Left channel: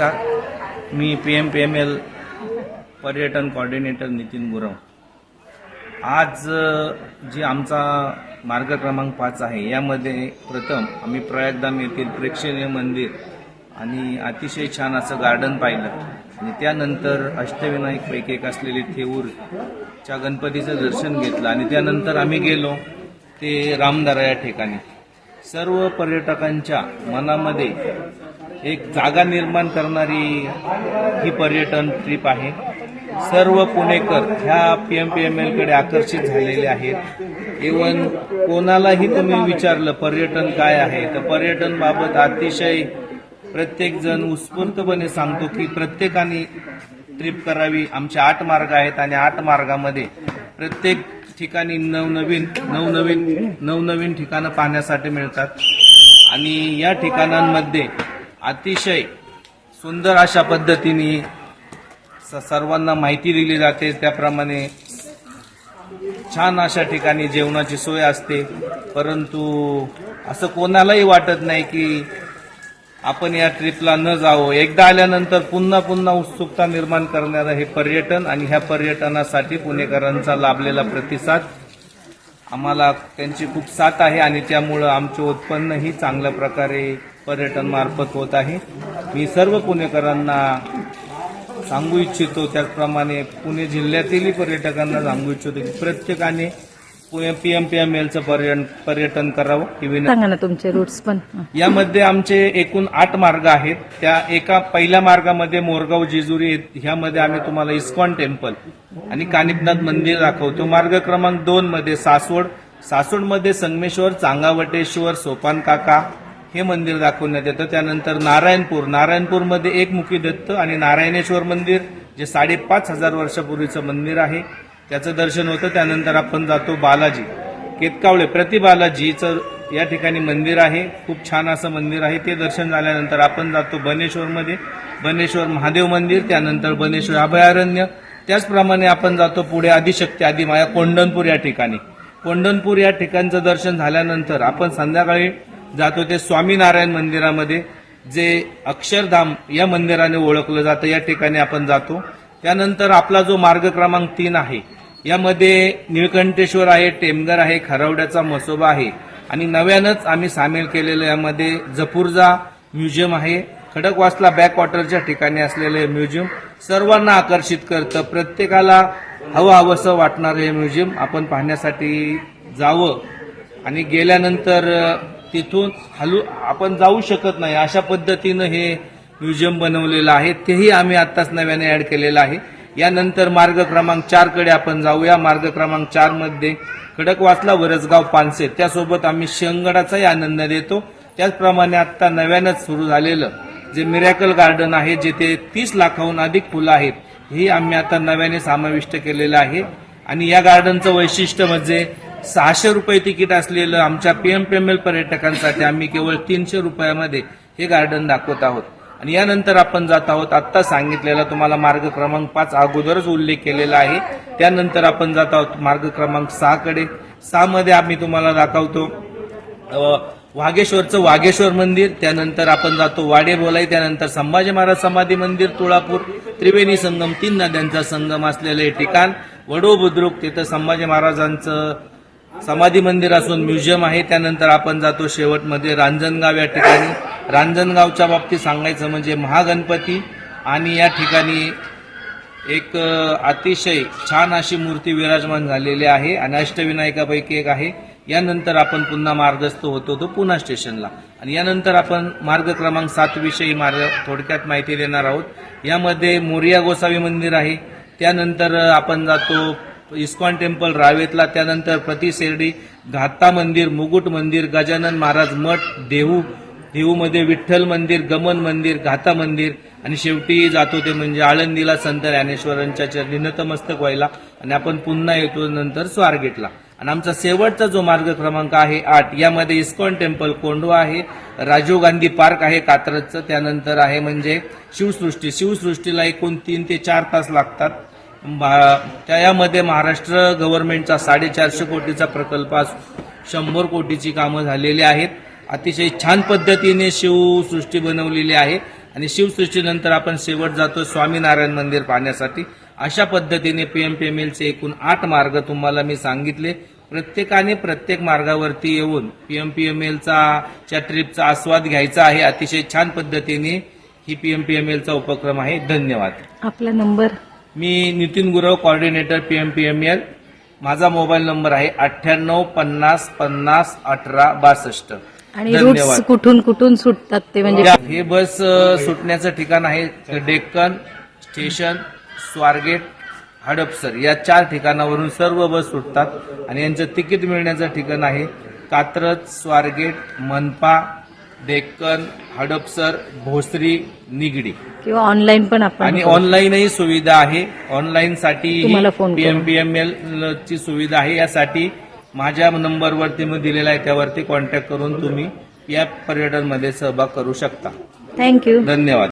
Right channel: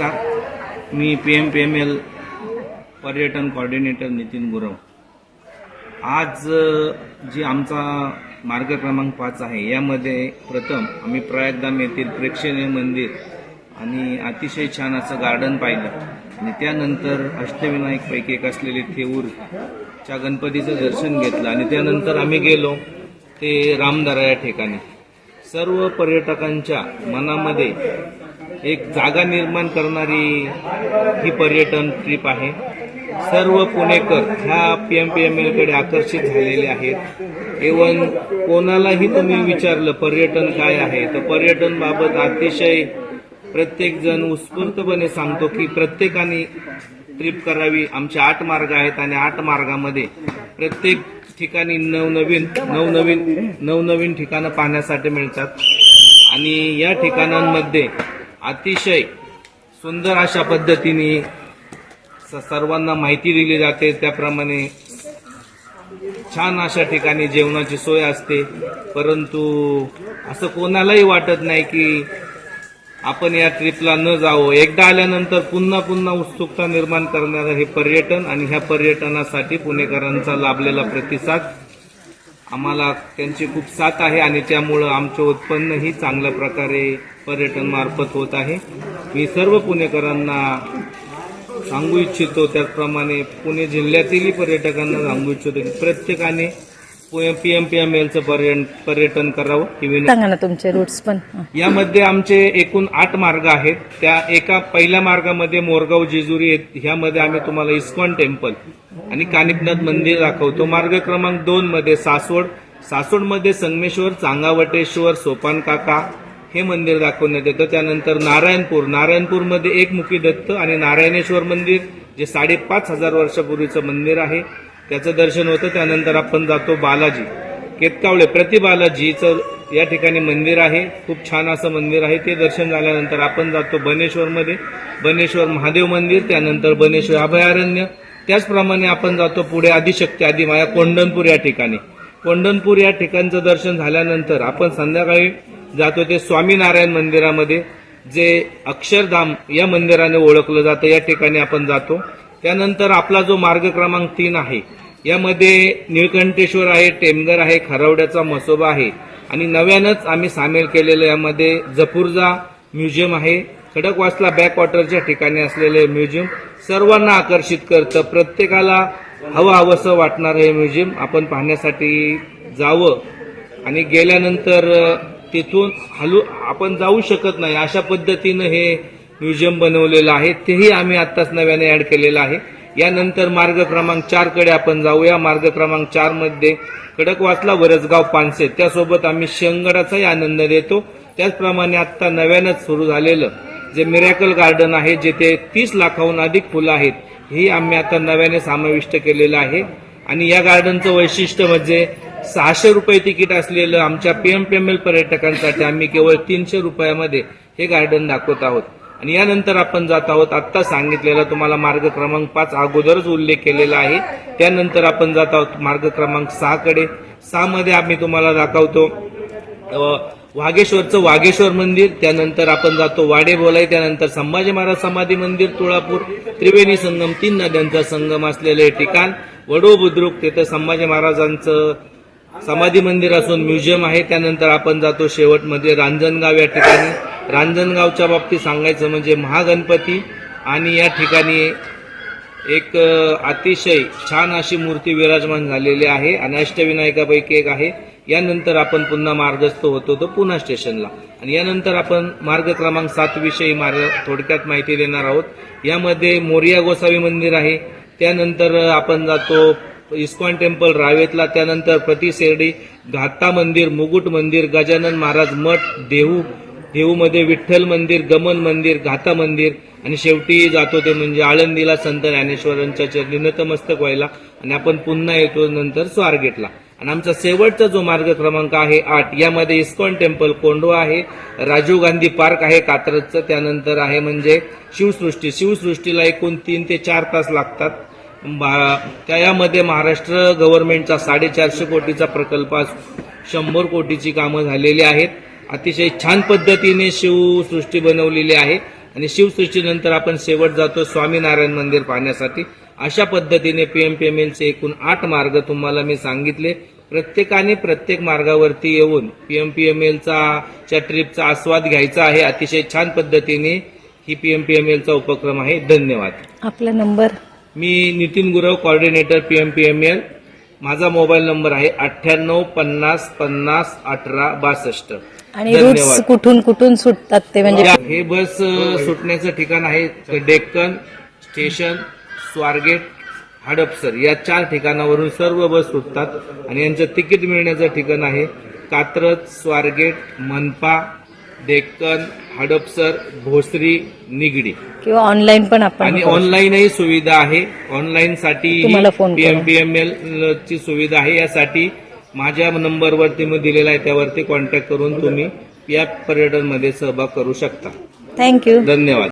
मी PMPML पर्यटन coordinator Nitin Gurav. आज जी आमचा मार्ग क्रमांक 5 आहे यामध्ये प्रथम आम्ही प्रयागधाम येथील प्रेक्षणीय मंदिर आणि अतिशय छान असं गार्डन पाहिलं आणि त्यानंतर अष्टविनायक पैकी एक असलेले थेऊरच्या गणपतीचं दर्शन घेतलं आणि त्यानंतर आम्ही गेलो ते रामदरा या ठिकाणी। सर्व पर्यटकांच्या मनामध्ये एक जागा निर्माण करणारी ही पर्यटन ट्रिप आहे। सर्व पुणेकर ह्या PMPML कडे आकर्षित झालेले आहेत। इवन कोणालाही तुम्ही विचारलं पर्यटन काय आहे तर पर्यटन बाबत अतिशय प्रत्येक जण उत्स्फूर्तपणे सांगतो की प्रत्येकाने ट्रिप करावी। आमचे 8 मार्ग आहेत आणि 8 मार्गामध्ये प्रत्येक ठिकाणी नवनवीन ठिकाणं पाहण्यासाठी मिळतात आणि या ठिकाणांमध्ये अतिशय सुंदर अशा पद्धतीने सर्वांना माहिती दिली जाते। त्याप्रमाणे छान अशा ठिकाणी जेवणाची सोय असते, परंतु असं कोणालाही वाटत नाही की आपण या ट्रिपला न जावं। एकदा आल्यानंतर पुन्हा उत्सुकता निर्माण करणारं हे पर्यटन आणि ह्या पर्यटनासाठी पुणेकरांचा लाभलेला प्रतिसाद आम्हाला त्यांची खूप साथ आहे आणि त्यामुळं आमचं उत्पन्नही चांगल्या प्रकारे पर्यटन मार्फत होत आहे। मी सर्व पुणेकरांना सांगू इच्छितो, त्याचप्रमाणे पुणे जिल्ह्यातीलही पर्यटकांना सांगू इच्छितो की प्रत्येकाने PMPMLचं पर्यटन करावं ही विनंती। सांगा ना तुमचे रूट्स पण। यामध्ये आमचे एकूण 8 मार्ग आहेत। त्या एका पहिल्या मार्गामध्ये मोरगाव जेजुरी ह्यामध्ये आम्ही तुम्हाला इस्कॉन टेम्पल आणि कानिपनाथ मंदिर दाखवतो। मार्ग क्रमांक 2 मध्ये सासवडमध्ये संगमेश्वर, चांगावटेश्वर, सोपान काका हे मंदिर दाखवण्यात येतं। त्यानंतर नारायणपूरमध्ये एकमुखी दत्त आणि नारायणेश्वर मंदिर जे 5,500 वर्षापूर्वीचं मंदिर आहे त्याचं दर्शन होतं। त्यानंतर आपण जातो बालाजी केतकावळे प्रतिबालाजीचं या ठिकाणी मंदिर आहे, खूप छान असं मंदिर आहे। ते दर्शन झाल्यानंतर आपण जातो बनेश्वर महादेव मंदिर, त्यानंतर बनेश्वर अभयारण्य। त्याचप्रमाणे आपण जातो पुढे आदिशक्ती आदिमाया कोंढणपूर या ठिकाणी। कोंढणपूर या ठिकाणचं दर्शन झाल्यानंतर आपण संध्याकाळी जातो ते स्वामीनारायण मंदिरामध्ये जे अक्षरधाम या मंदिराने ओळखलं जातं, या ठिकाणी आपण जातो। त्यानंतर आपला जो मार्ग क्रमांक 3 आहे यामध्ये निळकंठेश्वर आहे, टेमघर आहे, खरवड्याचा मसोबा आहे आणि नव्यानंच आम्ही सामील केलेलं यामध्ये जपूरजा म्युझियम आहे। खडकवासला बॅकवॉटरच्या ठिकाणी असलेले म्युझियम सर्वांना आकर्षित करतं। प्रत्येकाला हवंसं वाटणारं हे म्युझियम आपण पाहण्यासाठी जावं आणि गेल्यानंतर तिथून आपण जाऊ शकत नाही अशा पद्धतीनं हे म्युझियम बनवलेलं आहे, तेही आम्ही आत्ताच नव्याने ऍड केलेलं आहे। यानंतर मार्ग क्रमांक 4 कडे आपण जाऊया। मार्ग क्रमांक 4 मध्ये खडकवासला, वरसगाव, पानसे त्यासोबत आम्ही शंगडाचाही आनंद देतो। त्याचप्रमाणे आता नव्यानंच सुरू झालेलं जे मिरॅकल गार्डन आहे जिथे 30 लाखाहून अधिक फुलं आहेत ही आम्ही आता नव्याने समाविष्ट केलेलं आहे आणि या गार्डनचं वैशिष्ट्य म्हणजे 600 रुपये तिकीट असलेलं आमच्या PMPML पर्यटकांसाठी आम्ही केवळ 300 रुपयामध्ये हे गार्डन दाखवत आहोत। आणि यानंतर आपण जात आहोत आत्ता सांगितलेला तुम्हाला मार्ग क्रमांक 5 अगोदरच उल्लेख केलेला आहे। त्यानंतर आपण जात आहोत मार्ग क्रमांक 6 कडे। 6 मध्ये आम्ही तुम्हाला दाखवतो वाघेश्वर मंदिर, त्यानंतर आपण जातो वाडेबोलाई, त्यानंतर संभाजी महाराज समाधी मंदिर, तुळापूर, त्रिवेणी संगम 3 नद्यांचा संगम असलेले ठिकाण, वडो बुद्रुक तिथं संभाजी महाराजांचं समाधी मंदिर असून म्युझियम आहे। त्यानंतर आपण जातो शेवटमध्ये रांजणगाव या ठिकाणी। रांजणगावच्या बाबतीत सांगायचं म्हणजे महागणपती आणि या ठिकाणी एक अतिशय छान अशी मूर्ती विराजमान झालेली आहे आणि अष्टविनायकापैकी एक आहे। यानंतर आपण पुन्हा मार्गस्थ होतो तो पुणा स्टेशनला आणि यानंतर आपण मार्ग क्रमांक 7 विषयी थोडक्यात माहिती देणार आहोत। यामध्ये मोरिया गोसावी मंदिर आहे, त्यानंतर आपण जातो इस्कॉन टेम्पल रावेतला, त्यानंतर प्रतिसेर्डी, घाता मंदिर, मुकुट मंदिर, गजानन महाराज मठ, देहूमध्ये विठ्ठल मंदिर, गमन मंदिर, घाता मंदिर आणि शेवटी जातो ते म्हणजे आळंदीला संत ज्ञानेश्वरांच्या चरणी नतमस्तक व्हायला आणि आपण पुन्हा येतो नंतर स्वारगेटला। आणि आमचा शेवटचा जो मार्ग क्रमांक आहे 8 यामध्ये इस्कॉन टेम्पल कोंढवा आहे, राजीव गांधी पार्क आहे कात्रजचं, त्यानंतर आहे म्हणजे शिवसृष्टीला एकूण 3 ते 4 तास लागतात। त्यामध्ये महाराष्ट्र गव्हर्नमेंटचा 450 कोटीचा प्रकल्प 100 कोटीची कामं झालेली आहेत। अतिशय छान पद्धतीने शिवसृष्टी बनवलेली आहे आणि शिवसृष्टीनंतर आपण शेवट जातो स्वामीनारायण मंदिर पाहण्यासाठी. अशा पद्धतीने पीएमपीएमएलचे एकूण 8 मार्ग तुम्हाला मी सांगितले. प्रत्येकाने प्रत्येक मार्गावरती येऊन पीएमपीएमएलचा ट्रिपचा आस्वाद घ्यायचा आहे. अतिशय छान पद्धतीने ही पीएमपीएमएलचा उपक्रम आहे. धन्यवाद. आपला नंबर? मी नितीन गुरव, कोऑर्डिनेटर पीएमपीएमएल. माझा मोबाईल नंबर आहे 9850501862. आणि रूट्स कुठून कुठून सुटतात ते म्हणजे? हे बस सुटण्याचं ठिकाण आहे डेक्कन स्टेशन, स्वारगेट, हडपसर या 4 ठिकाणावरून सर्व बस सुटतात. आणि यांचं तिकीट मिळण्याचं ठिकाण आहे कात्रज, स्वारगेट, मनपा, डेक्कन, हडपसर, भोसरी, निगडी. किंवा ऑनलाईन पण आपण आणि ऑनलाईनही सुविधा आहे. ऑनलाईन साठी तुम्हाला फोन करून. पीएमपीएमएल ची सुविधा आहे. यासाठी माझ्या नंबरवरती मी दिलेला आहे त्यावरती कॉन्टॅक्ट करून तुम्ही या पर्यटनमध्ये सहभाग करू शकता. थँक्यू. धन्यवाद.